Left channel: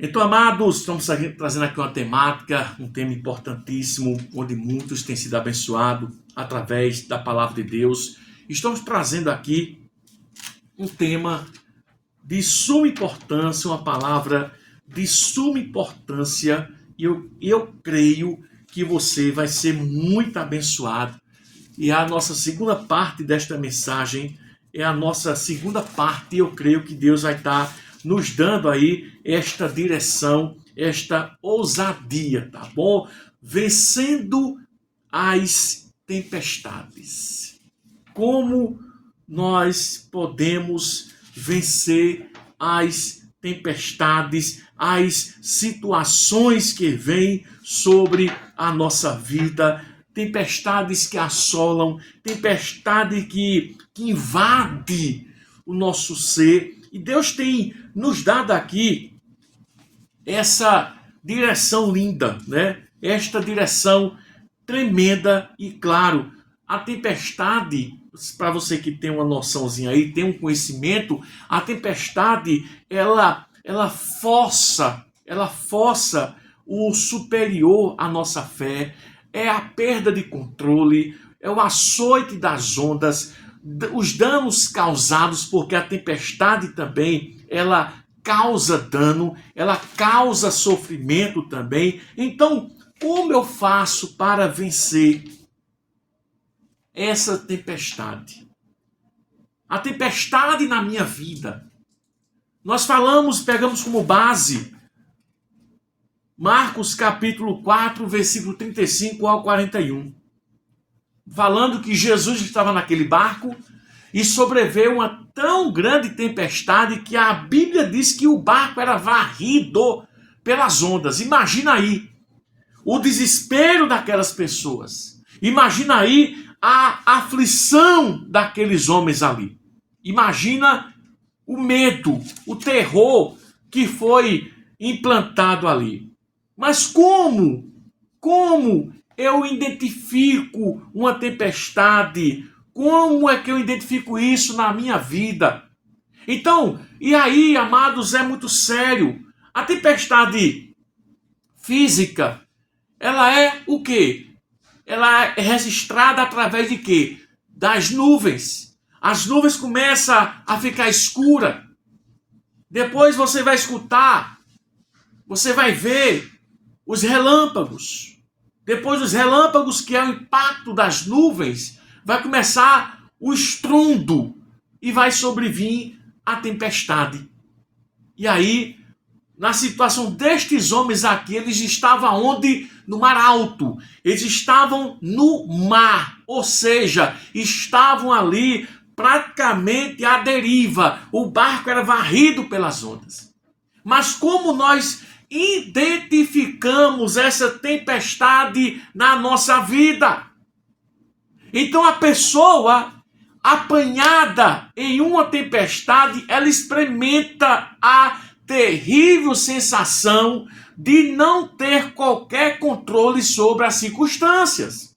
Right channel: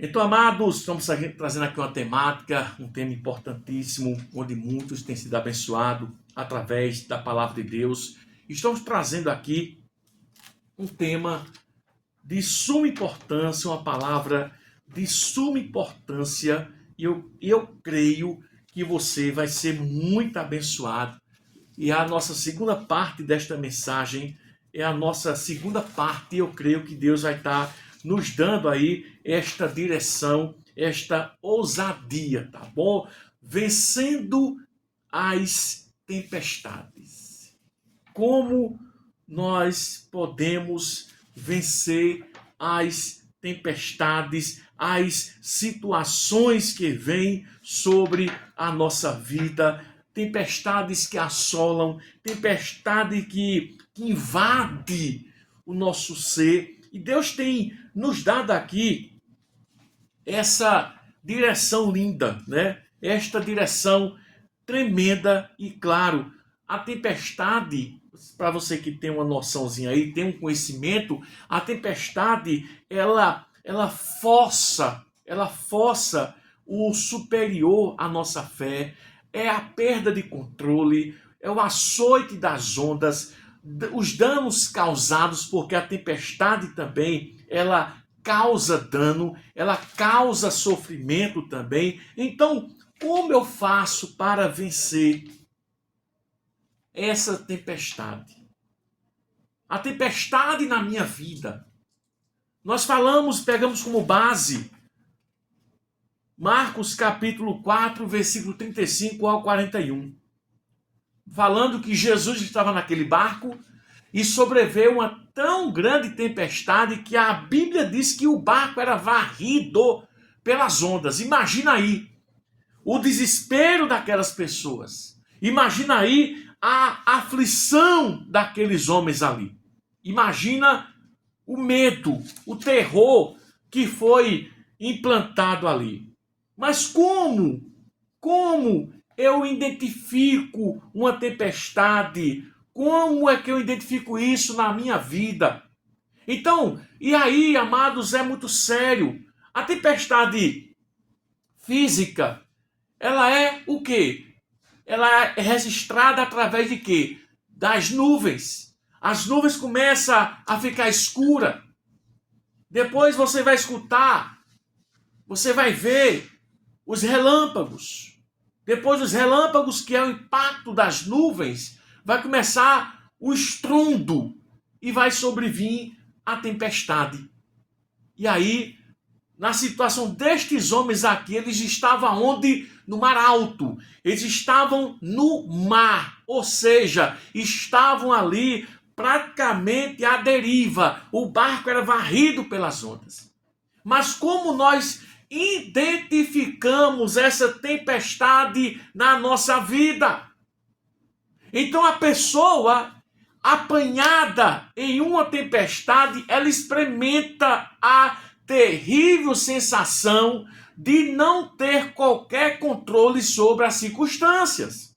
Então, amados, estamos trazendo aqui uma temática, um tema importantíssimo, onde muitos têm sido abençoados através da palavra de Deus. Estamos trazendo aqui um tema de suma importância, uma palavra de suma importância, e eu creio que você vai ser muito abençoado. E a nossa segunda parte desta mensagem é a nossa segunda parte, e eu creio que Deus vai estar nos dando aí esta direção, esta ousadia, tá bom? Vencendo as tempestades. Como nós podemos vencer as tempestades, as situações que vêm sobre a nossa vida, tempestades que assolam, tempestade que invade o nosso ser. E Deus tem nos dado aqui essa direção linda, né? Esta direção tremenda e, claro, a tempestade, para você que tem uma noçãozinha aí, tem um conhecimento, a tempestade, ela força o superior à nossa fé, é a perda de controle, é o açoite das ondas, os danos causados, porque a tempestade também, ela causa dano, ela causa sofrimento também. Então, como eu faço para vencer essa tempestade? A tempestade na minha vida. Nós pegamos como base Marcos capítulo 4, versículo 35 ao 41. Falando que Jesus estava naquele barco e sobreveio uma tão grande tempestade que a Bíblia diz que o barco era varrido pelas ondas. Imagina aí o desespero daquelas pessoas. Imagina aí a aflição daqueles homens ali. Imagina o medo, o terror que foi implantado ali. Mas como eu identifico uma tempestade? Como é que eu identifico isso na minha vida? Então, e aí, amados, é muito sério. A tempestade física, ela é o quê? Ela é registrada através de quê? Das nuvens. As nuvens começam a ficar escuras. Depois você vai escutar, você vai ver os relâmpagos. Depois dos relâmpagos, que é o impacto das nuvens, vai começar o estrondo e vai sobrevir a tempestade. E aí, na situação destes homens aqui, eles estavam onde? No mar alto. Eles estavam no mar, ou seja, estavam ali praticamente à deriva. O barco era varrido pelas ondas. Mas como nós identificamos essa tempestade na nossa vida? Então a pessoa apanhada em uma tempestade, ela experimenta a terrível sensação de não ter qualquer controle sobre as circunstâncias.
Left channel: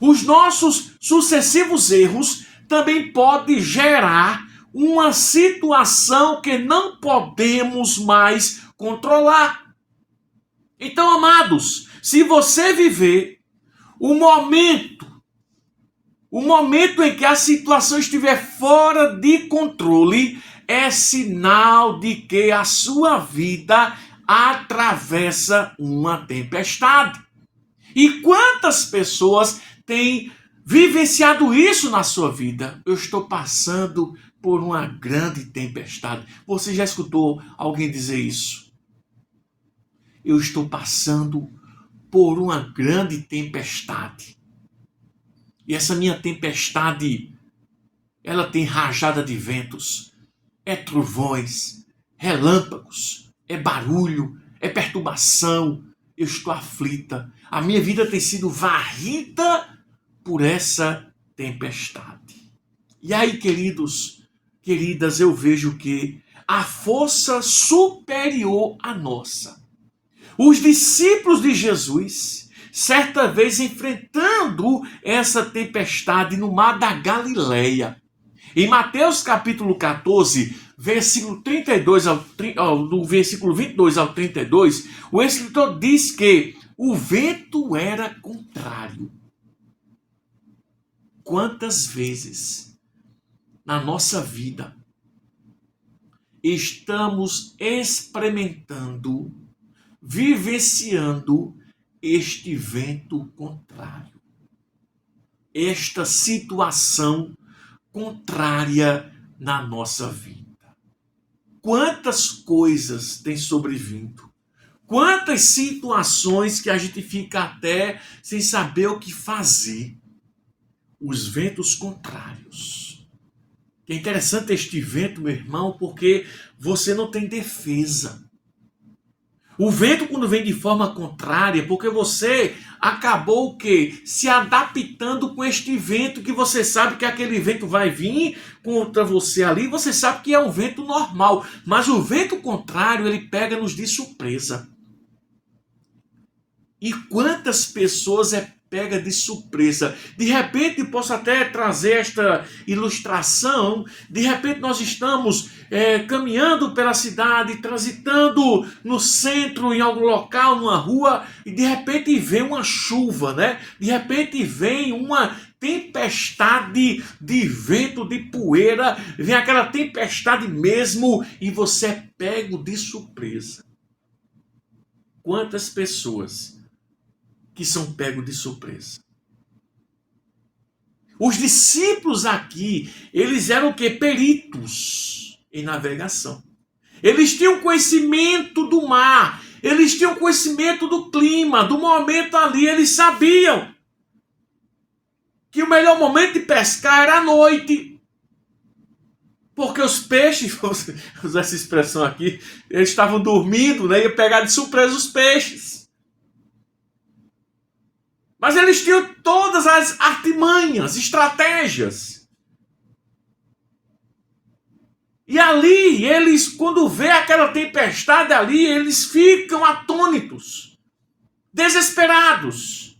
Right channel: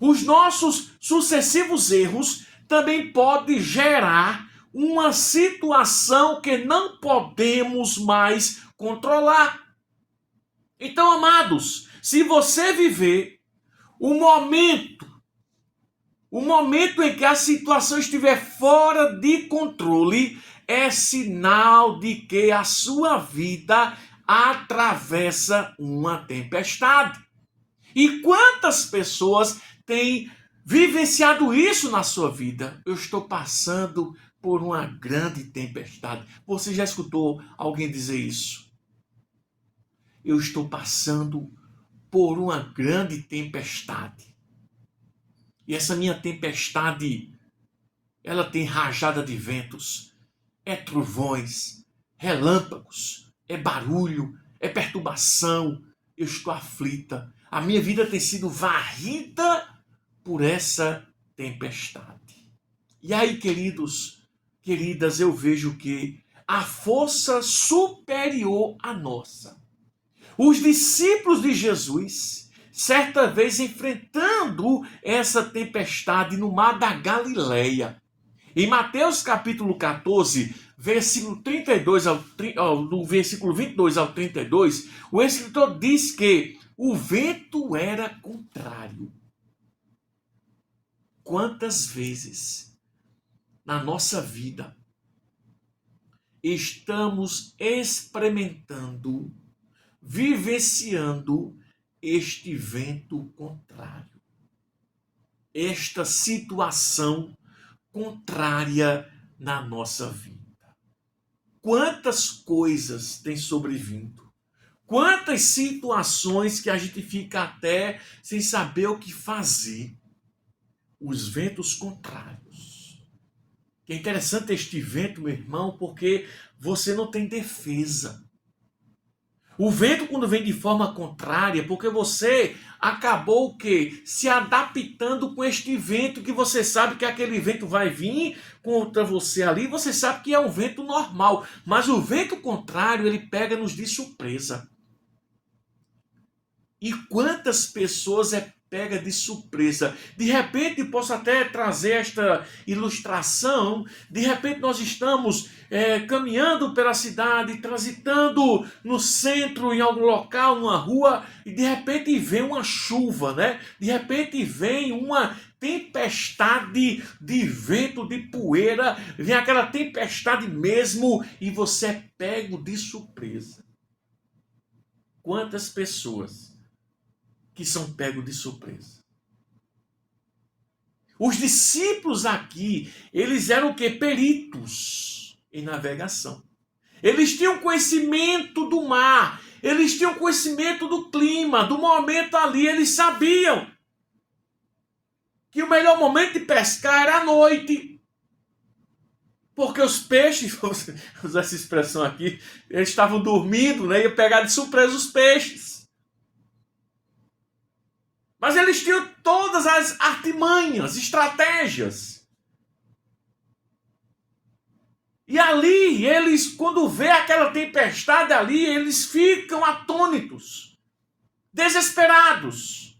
Os nossos sucessivos erros também podem gerar uma situação que não podemos mais controlar. Então, amados, se você viver o momento em que a situação estiver fora de controle, é sinal de que a sua vida atravessa uma tempestade. E quantas pessoas têm vivenciado isso na sua vida? Eu estou passando por uma grande tempestade. Você já escutou alguém dizer isso? Eu estou passando por uma grande tempestade. E essa minha tempestade, ela tem rajada de ventos, é trovões, relâmpagos, é barulho, é perturbação. Eu estou aflita. A minha vida tem sido varrida por essa tempestade. E aí, queridas, eu vejo que a força superior à nossa. Os discípulos de Jesus, certa vez enfrentando essa tempestade no mar da Galileia, Em Mateus capítulo 14, versículo 32 do versículo 22 ao 32, o escritor diz que o vento era contrário. Quantas vezes na nossa vida estamos experimentando, vivenciando este vento contrário, esta situação contrária na nossa vida? Quantas coisas têm sobrevindo? Quantas situações que a gente fica até sem saber o que fazer? Os ventos contrários. É interessante este vento, meu irmão, porque você não tem defesa. O vento, quando vem de forma contrária, porque você acabou o quê? Se adaptando com este vento, que você sabe que aquele vento vai vir contra você ali, você sabe que é um vento normal, mas o vento contrário, ele pega-nos de surpresa. E quantas pessoas pega de surpresa? De repente, posso até trazer esta ilustração. De repente, nós estamos caminhando pela cidade, transitando no centro, em algum local, numa rua, e de repente vem uma chuva, né? De repente vem uma tempestade de vento, de poeira, vem aquela tempestade mesmo, e você é pego de surpresa. Quantas pessoas que são pegos de surpresa? Os discípulos aqui, eles eram o quê? Peritos em navegação. Eles tinham conhecimento do mar, eles tinham conhecimento do clima, do momento ali, eles sabiam que o melhor momento de pescar era à noite. Porque os peixes, vou usar essa expressão aqui, eles estavam dormindo, né? Iam pegar de surpresa os peixes. Mas eles tinham todas as artimanhas, estratégias. E ali, eles, quando vê aquela tempestade ali, eles ficam atônitos, desesperados.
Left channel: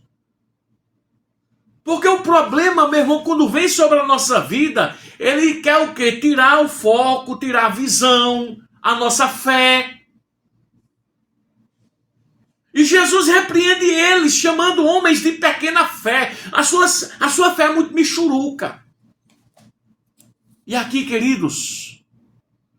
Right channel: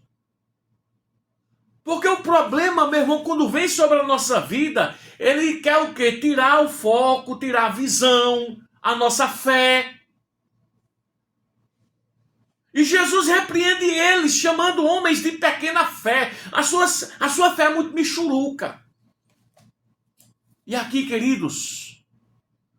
Porque o problema, meu irmão, quando vem sobre a nossa vida, ele quer o quê? Tirar o foco, tirar a visão, a nossa fé. E Jesus repreende eles, chamando homens de pequena fé. A sua fé é muito michuruca. E aqui, queridos,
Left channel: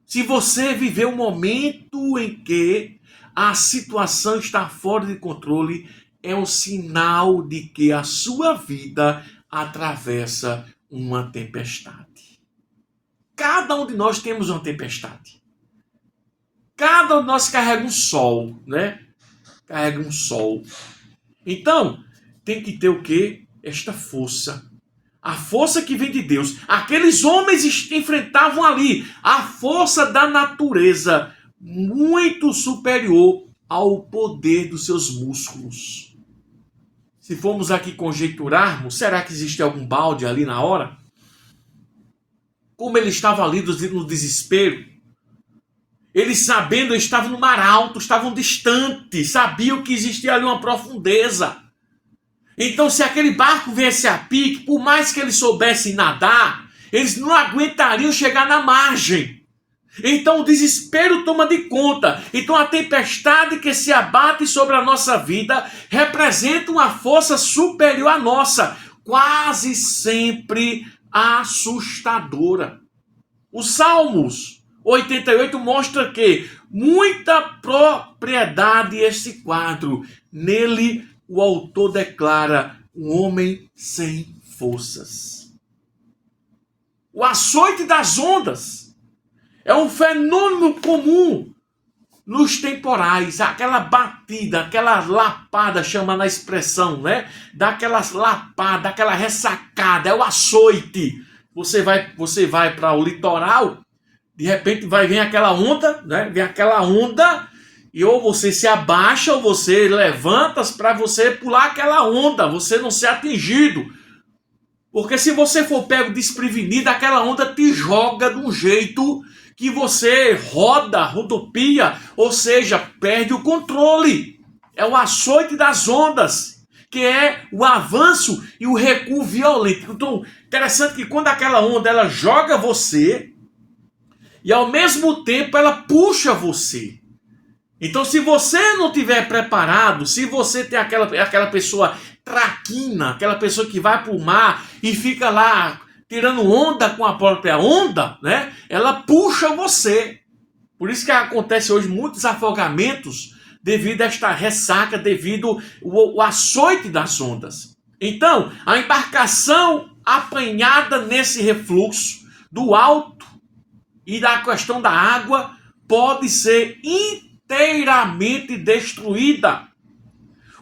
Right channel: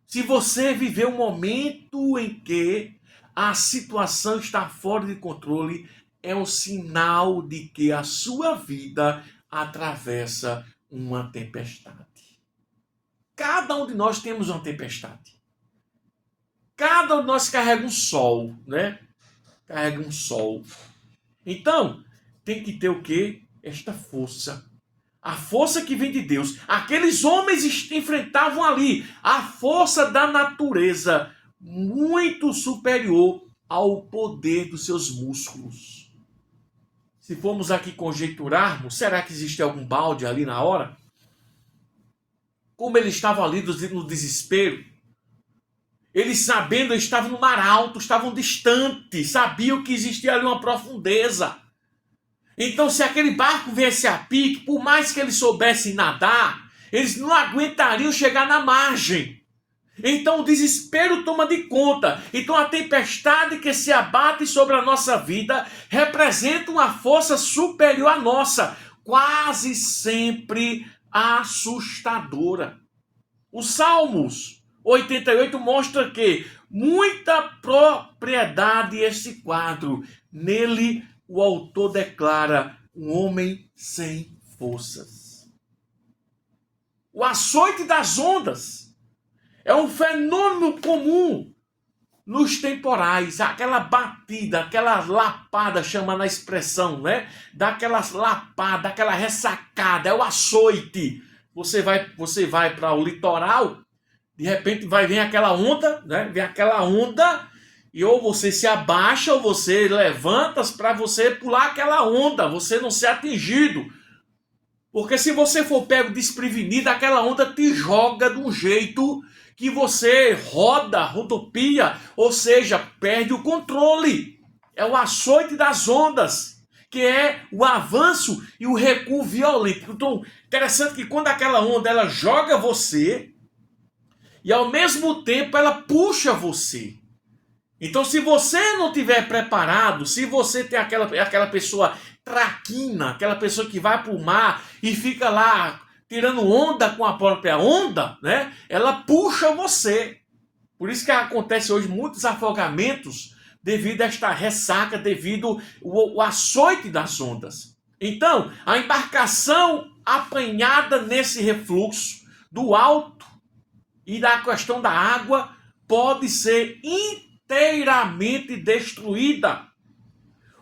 se você viver um momento em que a situação está fora de controle, é o sinal de que a sua vida atravessa uma tempestade. Cada um de nós temos uma tempestade. Cada um de nós carrega um sol, né? Carrega um sol. Então, tem que ter o quê? Esta força. A força que vem de Deus. Aqueles homens enfrentavam ali a força da natureza, muito superior ao poder dos seus músculos. Se formos aqui conjecturarmos, será que existe algum balde ali na hora? Como eles estavam ali no desespero, eles sabendo, estavam no mar alto, estavam distantes, sabiam que existia ali uma profundeza. Então, se aquele barco viesse a pique, por mais que eles soubessem nadar, eles não aguentariam chegar na margem. Então, o desespero toma de conta. Então, a tempestade que se abate sobre a nossa vida representa uma força superior à nossa, quase sempre assustadora. Os Salmos 88 mostra que muita propriedade este quadro. Nele o autor declara um homem sem forças. O açoite das ondas é um fenômeno comum nos temporais, aquela batida, aquela lapada, chama na expressão, né? Daquelas lapadas, aquela ressacada, é o açoite. Você vai para o litoral, de repente vai vir aquela onda, né? Vem aquela onda e ou você se abaixa ou você levanta para você pular aquela onda, você não ser atingido. Porque se você for pego desprevenido, aquela onda te joga de um jeito que você rodopia, ou seja, perde o controle. É o açoite das ondas. que é o avanço e o recuo violento. Então, interessante que quando aquela onda ela joga você e ao mesmo tempo ela puxa você. Então, se você não tiver preparado, se você tem aquela pessoa traquina, aquela pessoa que vai para o mar e fica lá tirando onda com a própria onda, né? Ela puxa você. Por isso que acontece hoje muitos afogamentos devido a esta ressaca, devido ao açoite das ondas. Então, a embarcação apanhada nesse refluxo do alto e da questão da água pode ser inteiramente destruída.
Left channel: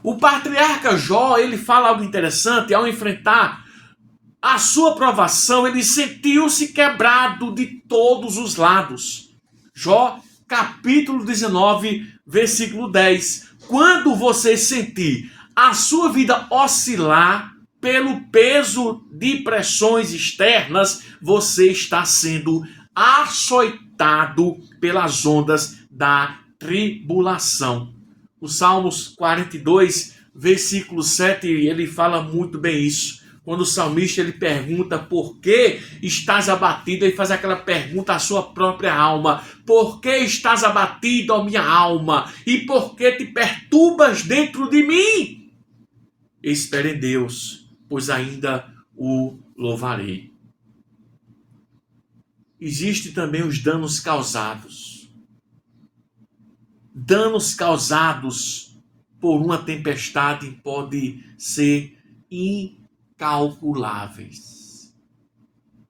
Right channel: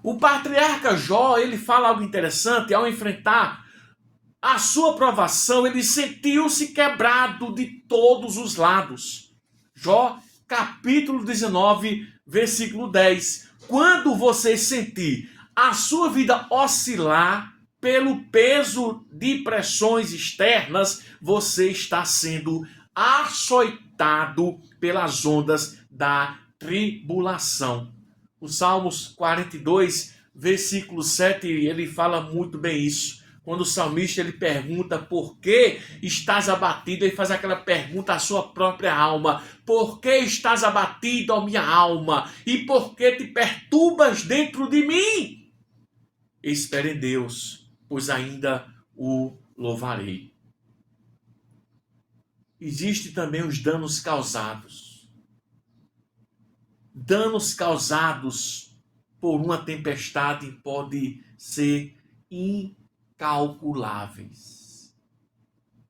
O patriarca Jó, ele fala algo interessante. Ao enfrentar a sua provação, ele sentiu-se quebrado de todos os lados. Jó, capítulo 19, versículo 10. Quando você sentir a sua vida oscilar pelo peso de pressões externas, você está sendo açoitado pelas ondas da tribulação. O Salmos 42, versículo 7, ele fala muito bem isso. Quando o salmista ele pergunta por que estás abatido, ele faz aquela pergunta à sua própria alma: por que estás abatido, ó minha alma? E por que te perturbas dentro de mim? Espere em Deus, pois ainda o louvarei. Existem também os danos causados. Danos causados por uma tempestade podem ser incalculáveis.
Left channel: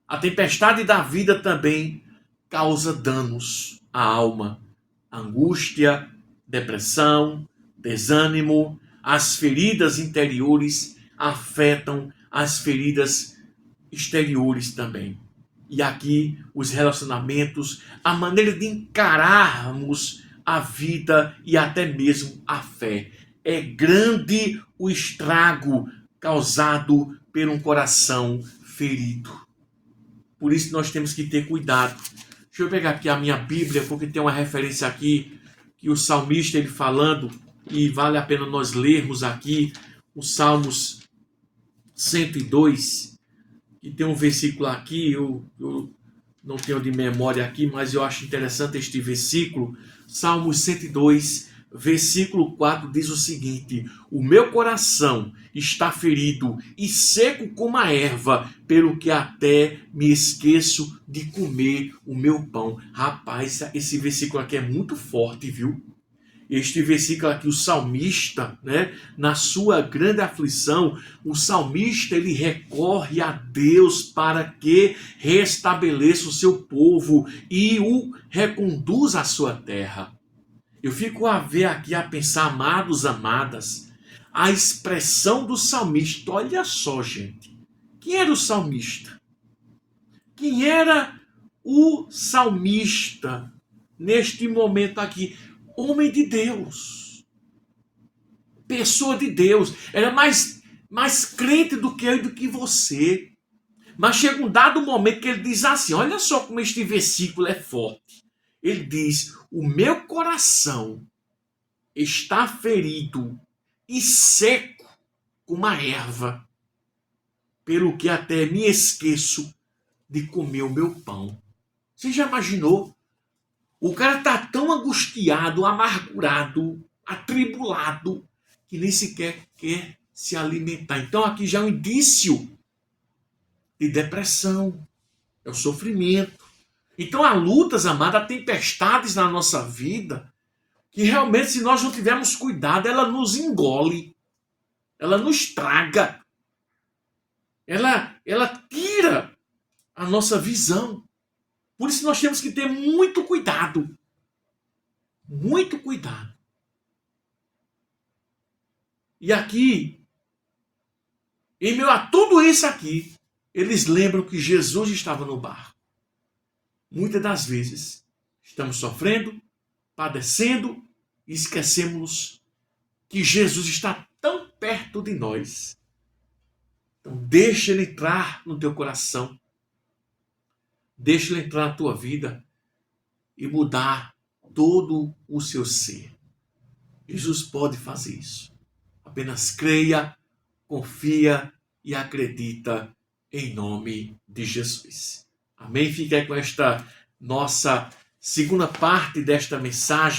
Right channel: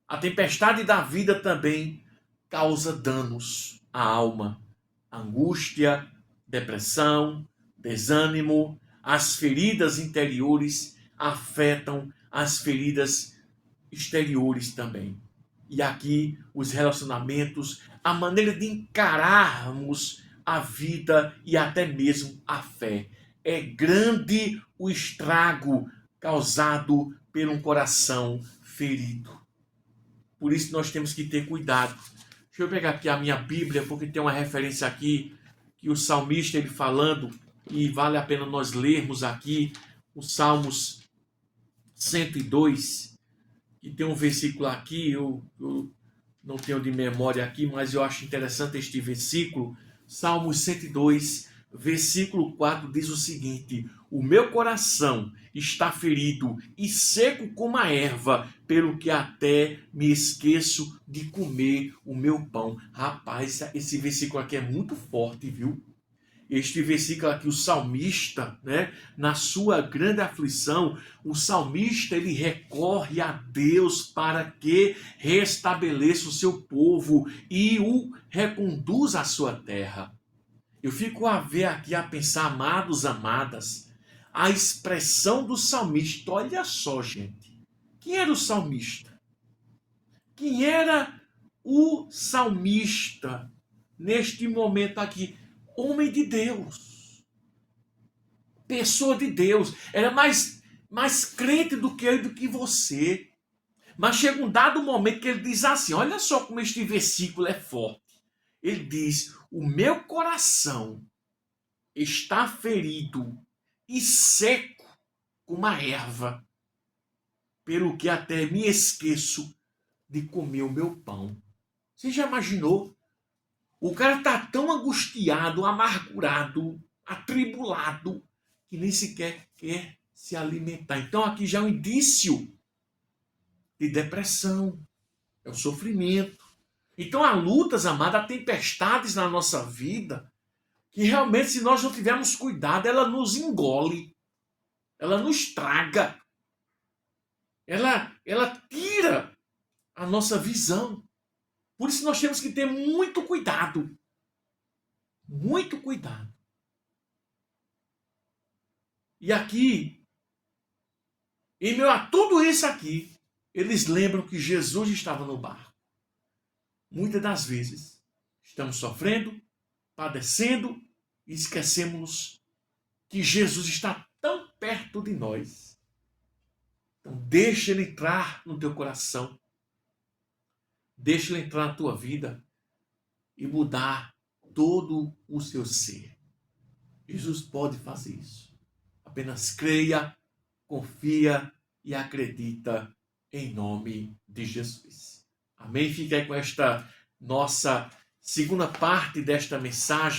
A tempestade da vida também causa danos à alma, angústia, depressão, desânimo. As feridas interiores afetam as feridas exteriores também. E aqui os relacionamentos, a maneira de encararmos a vida e até mesmo a fé. É grande o estrago causado por um coração ferido. Por isso nós temos que ter cuidado. Deixa eu pegar aqui a minha Bíblia, porque tem uma referência aqui que o salmista ele falando, e vale a pena nós lermos aqui o Salmos 102, e tem um versículo aqui, eu não tenho de memória aqui, mas eu acho interessante este versículo. Salmos 102, versículo 4 diz o seguinte: o meu coração está ferido e seco como a erva, pelo que até me esqueço de comer o meu pão. Rapaz, esse versículo aqui é muito forte, viu? Este versículo aqui, o salmista, né, na sua grande aflição, o salmista ele recorre a Deus para que restabeleça o seu povo e o reconduza à sua terra. Eu fico a ver aqui, a pensar, amados, amadas, a expressão do salmista. Olha só, gente. Quem era o salmista? Quem era o salmista neste momento aqui? Homem de Deus, pessoa de Deus, era mais crente do que eu e do que você. Mas chega um dado momento que ele diz assim, olha só como este versículo é forte. Ele diz, o meu coração está ferido e seco como a erva, pelo que até me esqueço de comer o meu pão. Você já imaginou? O cara está tão angustiado, amargurado, atribulado, que nem sequer quer se alimentar. Então aqui já é um indício de depressão, é o sofrimento. Então há lutas, amada, há tempestades na nossa vida, que realmente se nós não tivermos cuidado, ela nos engole, ela nos traga, ela tira a nossa visão. Por isso nós temos que ter muito cuidado. Muito cuidado. E aqui, em meio a tudo isso aqui, eles lembram que Jesus estava no barco. Muitas das vezes, estamos sofrendo, padecendo, e esquecemos que Jesus está tão perto de nós. Então, deixa ele entrar no teu coração. Deixa ele entrar na tua vida e mudar todo o seu ser. Jesus pode fazer isso. Apenas creia, confia e acredita em nome de Jesus. Amém? Fica aí com esta nossa segunda parte desta mensagem.